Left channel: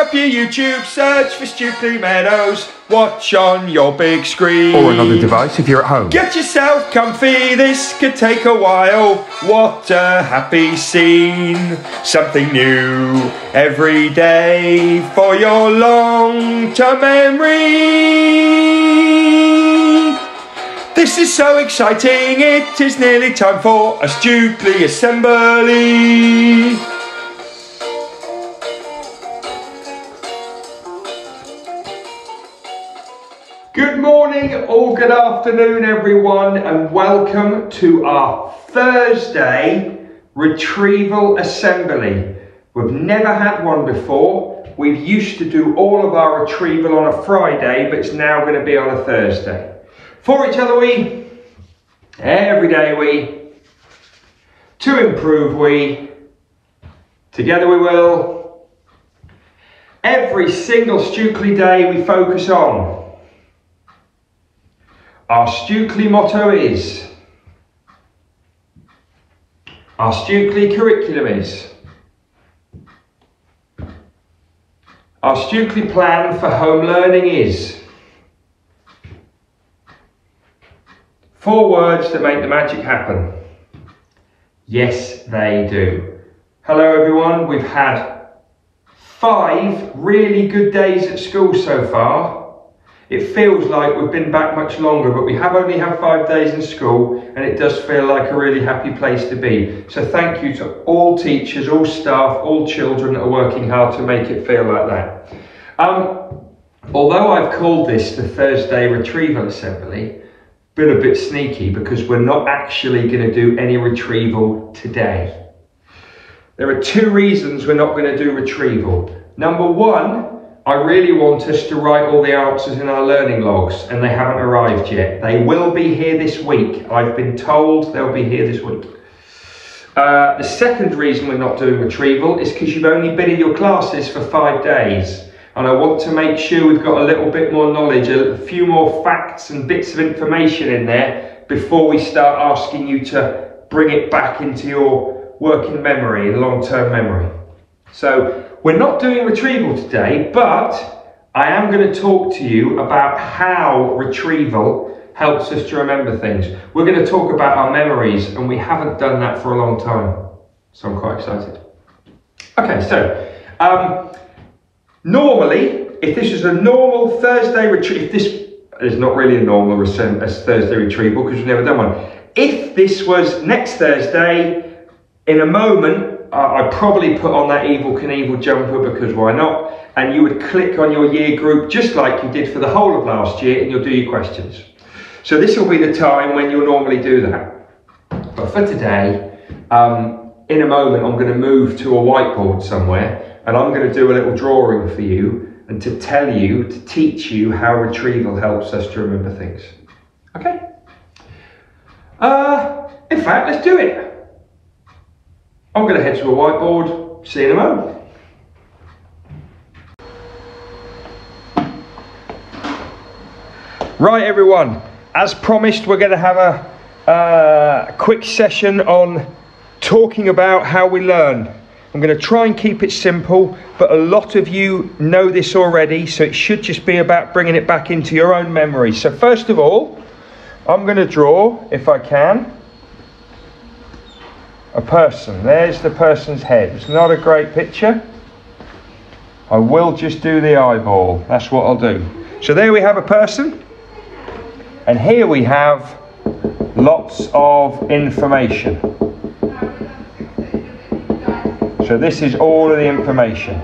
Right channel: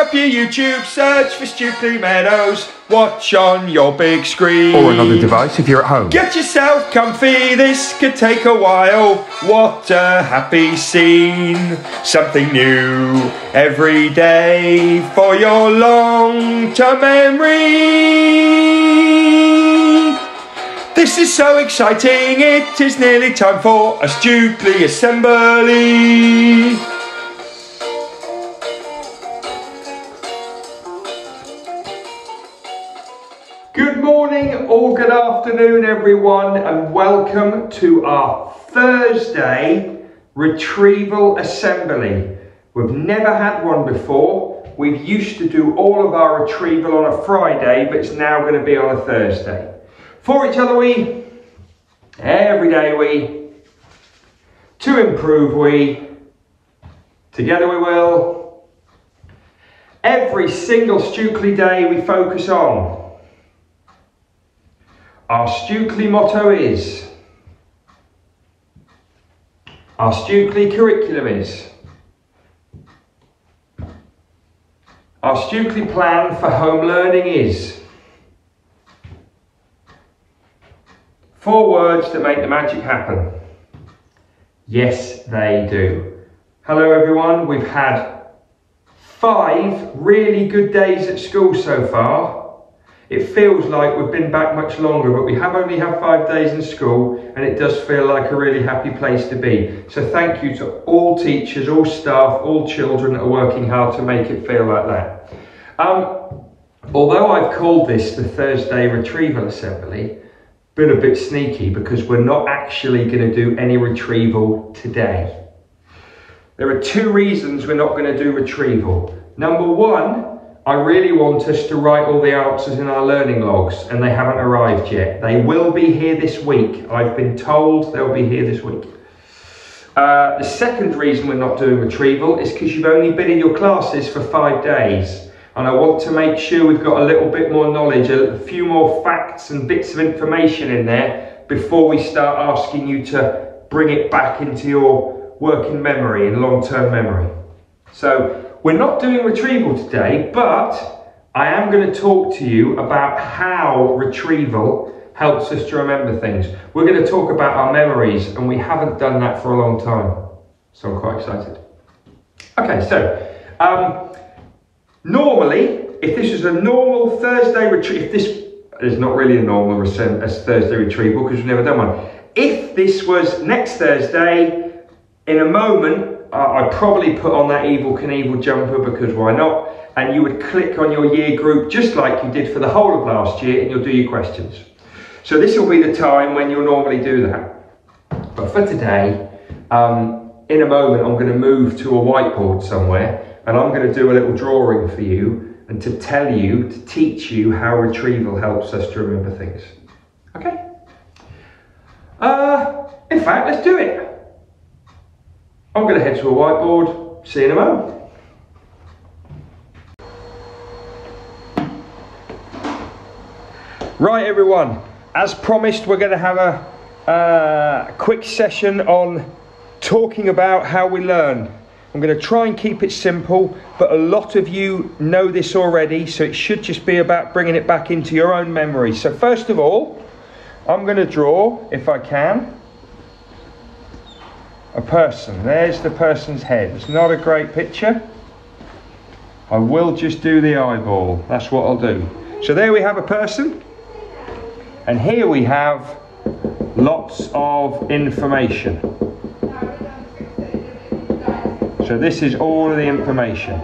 up your YouTube, search for Stukeley Meadows, watch on your big screen. Or another device if you're at home. Get yourself comfy, this could take a while. What a happy scene. Something new every day for your long-term memory. This is so exciting, it is nearly time for a Stukeley assembly. Good morning or good afternoon everyone, and welcome to our Thursday retrieval assembly. We've never had one before. We used to do all of our retrieval on a Friday, but it's now going to be on a Thursday. For each other we, every day we, to improve we, together we will. Every single Stukeley day we focus on. Our Stukeley motto is, our Stukeley curriculum is, our Stukeley plan for home learning is. 4 words that make the magic happen. Yes, they do. Hello everyone, we've had 5 really good days at school so far. It feels like we've been back much longer, but we have only had 5 days in school, and it does feel like a really happy place to be. So thank you to all teachers, all staff, all children that are working hard to make it feel like that. Although I've called this the Thursday retrieval assembly, been a bit sneaky because we're not actually going to do any retrieval today. There are 2 reasons we're not going to do retrieval. Number 1, I really want us to write all the answers in our learning logs, and they haven't arrived yet. They will be here this week. I've been told they'll be here this week. The second reason we're not doing retrieval is because you've only been in your classes for 5 days. And I want to make sure we've got a little bit more knowledge, a few more facts and bits of information in there before we start asking you to bring it back into your working memory and long-term memory. So we're not doing retrieval today, but I am going to talk to you about how retrieval helps us to remember things. We're going to talk about our memories, and we haven't done that for a long time. So I'm quite excited. Okay, so normally, if this is a normal Thursday retrieval, if this is not really a normal as Thursday retrieval because we've never done one. If this was next Thursday, in a moment, I'd probably put on that Evel Knievel jumper because why not? And you would click on your year group just like you did for the whole of last year, and you'll do your questions. So this will be the time when you'll normally do that. But for today, in a moment, I'm going to move to a whiteboard somewhere, and I'm going to do a little drawing for you and to tell you, to teach you how retrieval helps us to remember things. Okay? In fact, let's do it. I'm going to head to a whiteboard. See you in a moment. Right everyone, as promised, we're going to have a quick session on talking about how we learn. I'm going to try and keep it simple, but a lot of you know this already, so it should just be about bringing it back into your own memory. So first of all, I'm going to draw, if I can, a person. There's the person's head. It's not a great picture. I will just do the eyeball. That's what I'll do. So there we have a person, and here we have lots of information. So this is all of the information.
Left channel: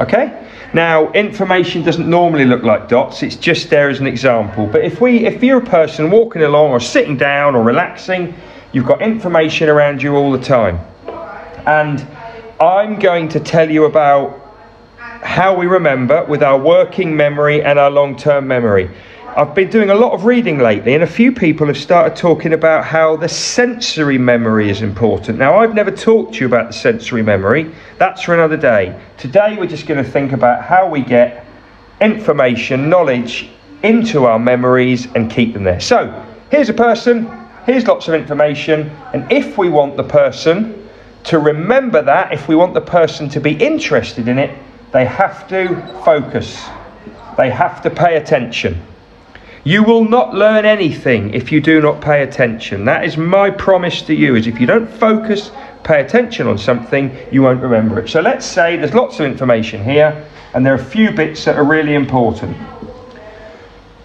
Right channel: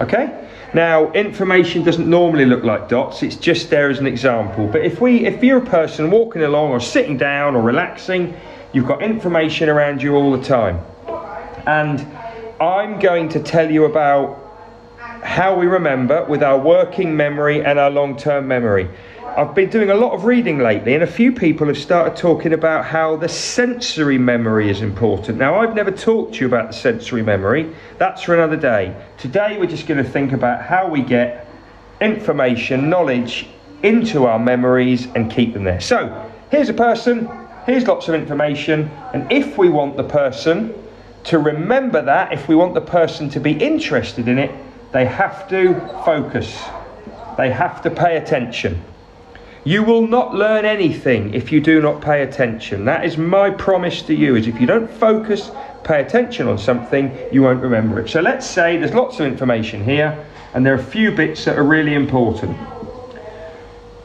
Okay? Now, information doesn't normally look like dots, it's just there as an example. But if you're a person walking along or sitting down or relaxing, you've got information around you all the time. And I'm going to tell you about how we remember with our working memory and our long-term memory. I've been doing a lot of reading lately, and a few people have started talking about how the sensory memory is important. Now, I've never talked to you about the sensory memory. That's for another day. Today, we're just going to think about how we get information, knowledge into our memories and keep them there. So, here's a person, here's lots of information, and if we want the person to remember that, if we want the person to be interested in it, they have to focus. They have to pay attention. You will not learn anything if you do not pay attention. That is my promise to you, is if you don't focus, pay attention on something, you won't remember it. So let's say there's lots of information here, and there are a few bits that are really important.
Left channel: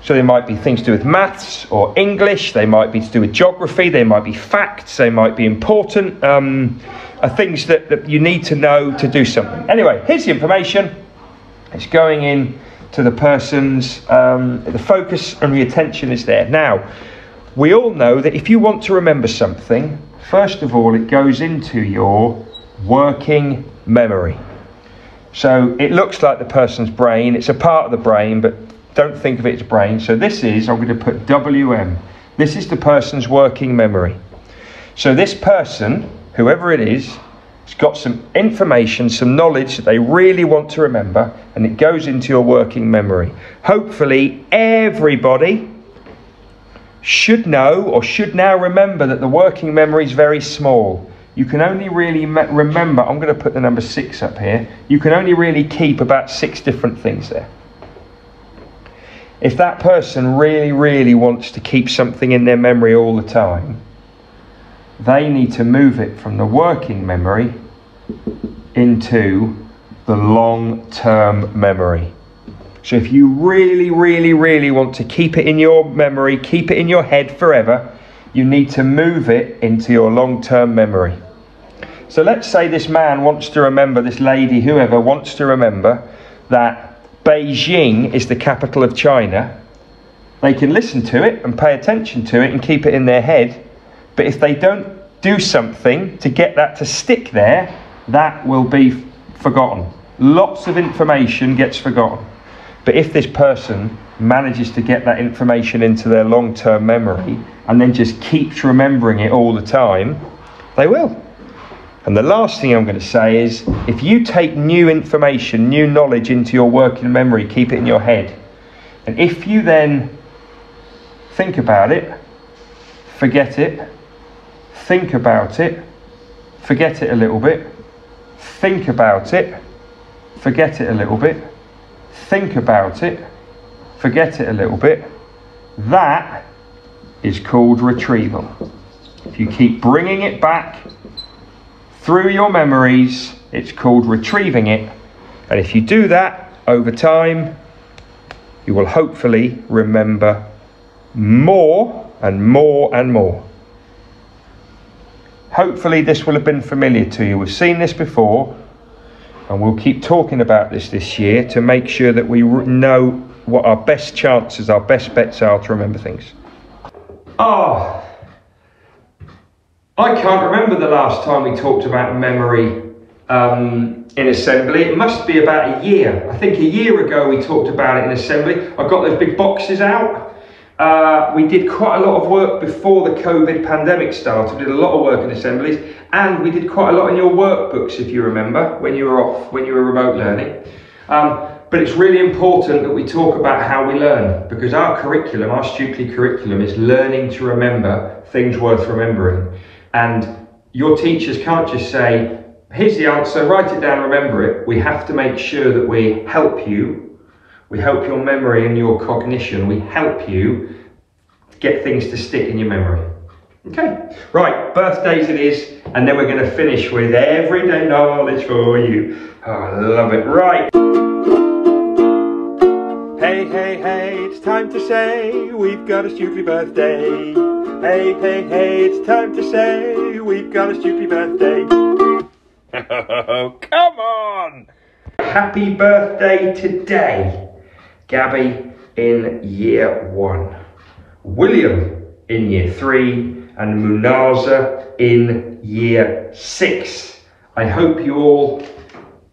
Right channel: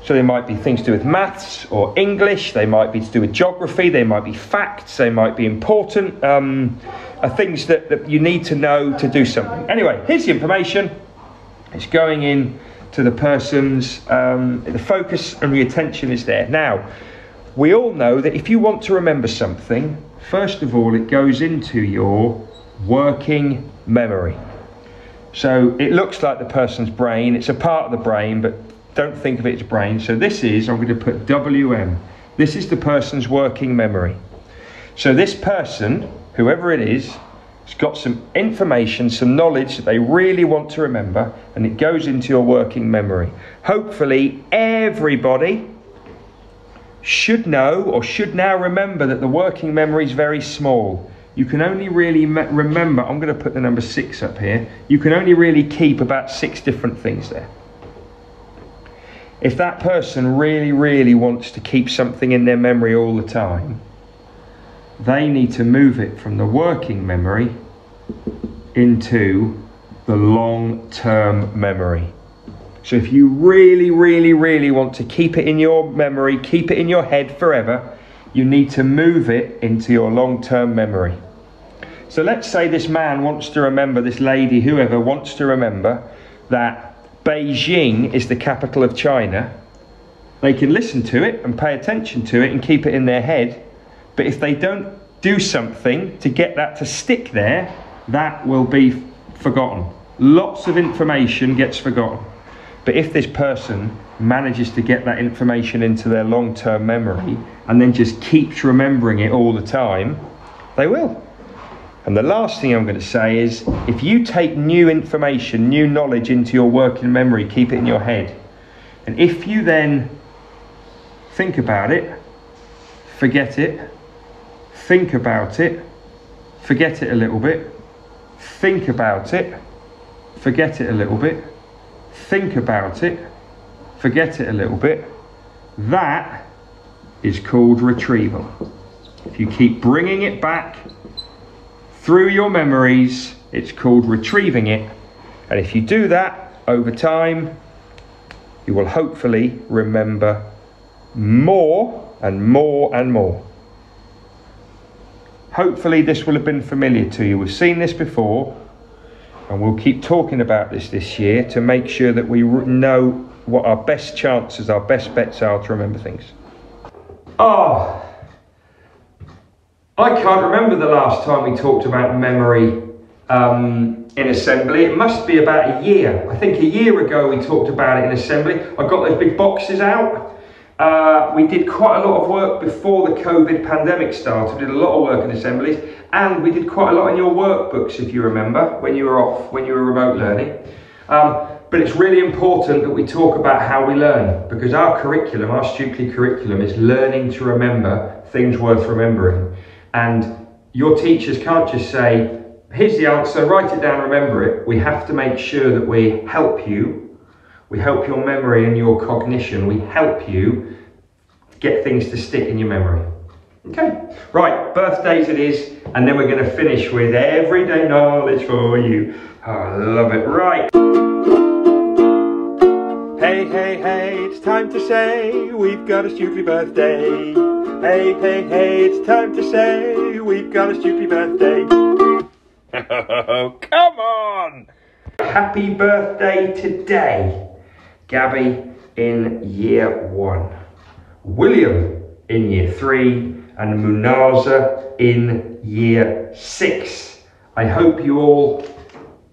So there might be things to do with maths or English, they might be to do with geography, they might be facts, they might be important, things that you need to know to do something. Anyway, here's the information. It's going in to the person's, the focus and the attention is there. Now, we all know that if you want to remember something, first of all, it goes into your working memory. So it looks like the person's brain, it's a part of the brain, but don't think of it as brain. So this is, I'm going to put WM. This is the person's working memory. So this person, whoever it is, has got some information, some knowledge that they really want to remember, and it goes into your working memory. Hopefully everybody should know or should now remember that the working memory is very small. You can only really remember, I'm going to put the number 6 up here, you can only really keep about 6 different things there. If that person really wants to keep something in their memory all the time, they need to move it from the working memory into the long-term memory. So if you really want to keep it in your memory, keep it in your head forever, you need to move it into your long-term memory. So let's say this man wants to remember, this lady, whoever wants to remember that Beijing is the capital of China. They can listen to it and pay attention to it and keep it in their head. But if they don't do something to get that to stick there, that will be forgotten. Lots of information gets forgotten. But if this person manages to get that information into their long-term memory and then just keeps remembering it all the time, they will. And the last thing I'm going to say is, if you take new information, new knowledge into your working memory, keep it in your head, and if you then think about it, forget it, think about it, forget it a little bit, think about it, forget it a little bit, think about it, forget it a little bit, that is called retrieval. If you keep bringing it back through your memories, it's called retrieving it. And if you do that over time, you will hopefully remember more and more and more. Hopefully this will have been familiar to you. We've seen this before, and we'll keep talking about this year to make sure that we know what our best chances, our best bets are to remember things. I can't remember the last time we talked about memory in assembly. It must be about a year. I think a year ago we talked about it in assembly. I got those big boxes out. We did quite a lot of work before the COVID pandemic started. We did a lot of work in assemblies, and we did quite a lot in your workbooks, if you remember, when you were off, when you were remote learning. But it's really important that we talk about how we learn, because our curriculum, our Stukeley curriculum, is learning to remember things worth remembering. And your teachers can't just say, here's the answer, write it down, remember it. We have to make sure that we help you. We help your memory and your cognition. We help you get things to stick in your memory. Okay, right, birthdays it is, and then we're going to finish with everyday knowledge for you. Oh, I love it. Right. Hey, hey, hey, it's time to say we've got a Stukeley birthday. Hey, hey, hey, it's time to say we've got a Stukeley birthday. Oh, come on! Happy birthday today, Gabby in year 1, William in year 3, and Munaza in year 6. I hope you all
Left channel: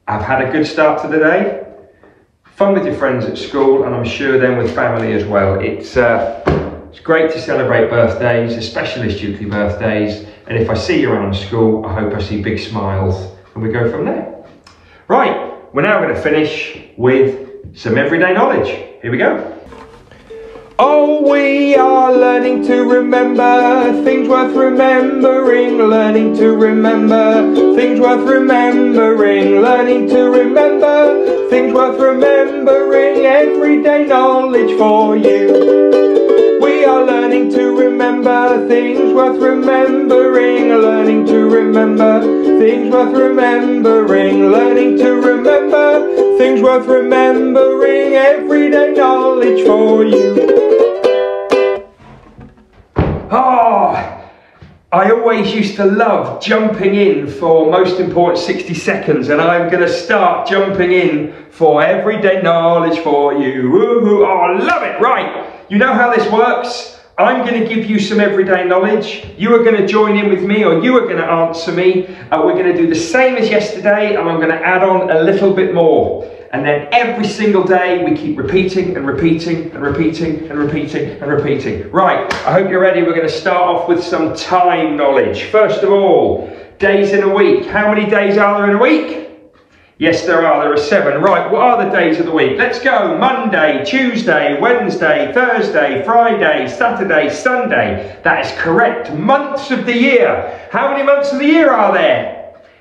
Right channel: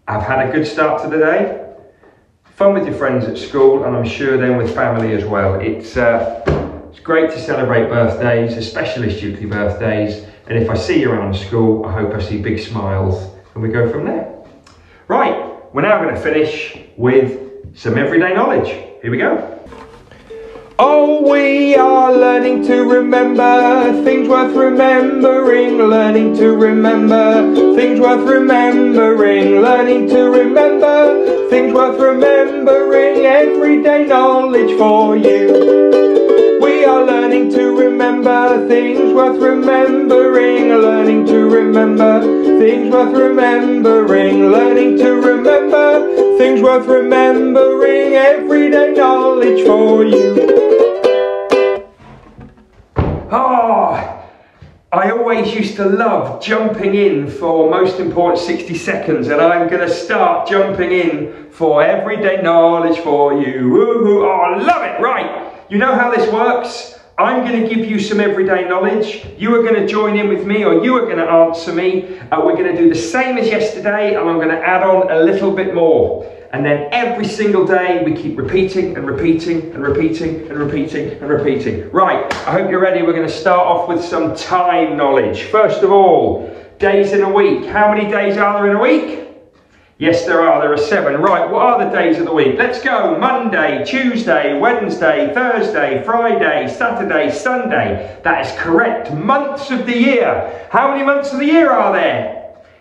have had a good start to the day. Fun with your friends at school, and I'm sure then with family as well. It's great to celebrate birthdays, especially Stukeley birthdays. And if I see you around school, I hope I see big smiles, and we go from there. Right, we're now going to finish with some everyday knowledge. Here we go. Oh, we are learning to remember things worth remembering, learning to remember things worth remembering, learning to remember things worth remembering, everyday knowledge for you. We are learning to remember things worth remembering, learning to remember things worth remembering, learning to remember things worth remembering, everyday knowledge for you. Oh, I always used to love jumping in for most important 60 seconds, and I'm going to start jumping in for everyday knowledge for you. Woohoo! Oh, I love it. Right, you know how this works. I'm going to give you some everyday knowledge. You are going to join in with me, or you are going to answer me. We're going to do the same as yesterday, and I'm going to add on a little bit more. And then every single day we keep repeating and repeating and repeating and repeating and repeating. Right, I hope you're ready. We're going to start off with some time knowledge. First of all, days in a week. How many days are there in a week? Yes, there are 7. Right, what are the days of the week? Let's go. Monday, Tuesday, Wednesday, Thursday, Friday, Saturday, Sunday. That is correct. Months of the year. How many months of the year are there?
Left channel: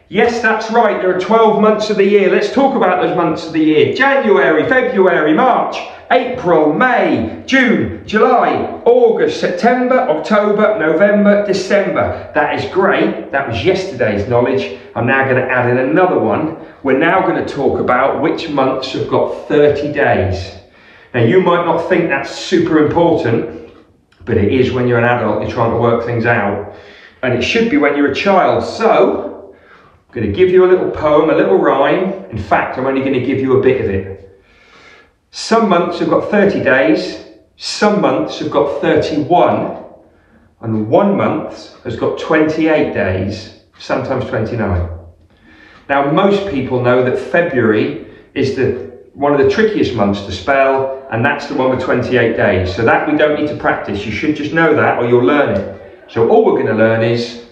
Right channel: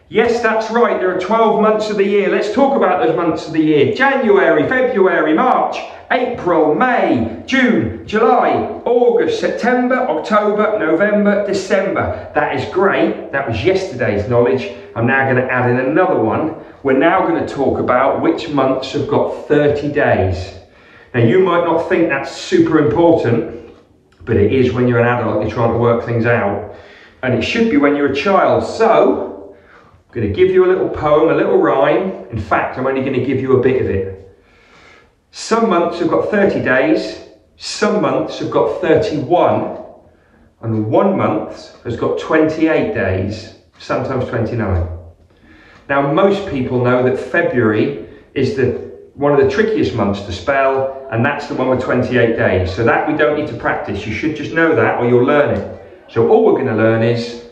Yes, that's right. There are 12 months of the year. Let's talk about those months of the year. January, February, March, April, May, June, July, August, September, October, November, December. That is great. That was yesterday's knowledge. I'm now going to add in another one. We're now going to talk about which months have got 30 days. Now, you might not think that's super important, but it is when you're an adult. You're trying to work things out. And it should be when you're a child. So I'm going to give you a little poem, a little rhyme. In fact, I'm only going to give you a bit of it. Some months have got 30 days, some months have got 31, and one month has got 28 days, sometimes 29. Now, most people know that February is one of the trickiest months to spell, and that's the one with 28 days. So that we don't need to practice. You should just know that, or you'll learn it. So all we're going to learn is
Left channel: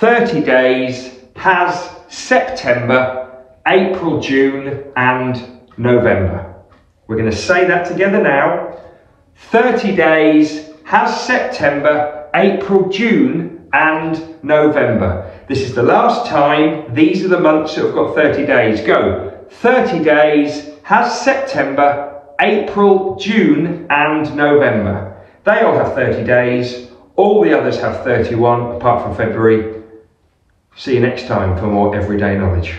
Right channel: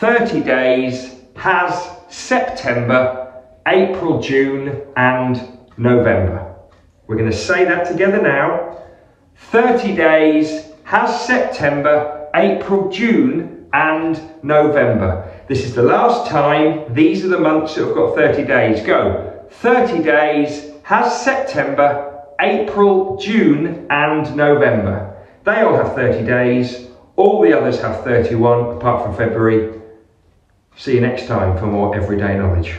30 days has September, April, June, and November. We're going to say that together now. 30 days has September, April, June, and November. This is the last time. These are the months that have got 30 days. Go. 30 days has September, April, June, and November. They all have 30 days. All the others have 31, apart from February. See you next time for more everyday knowledge.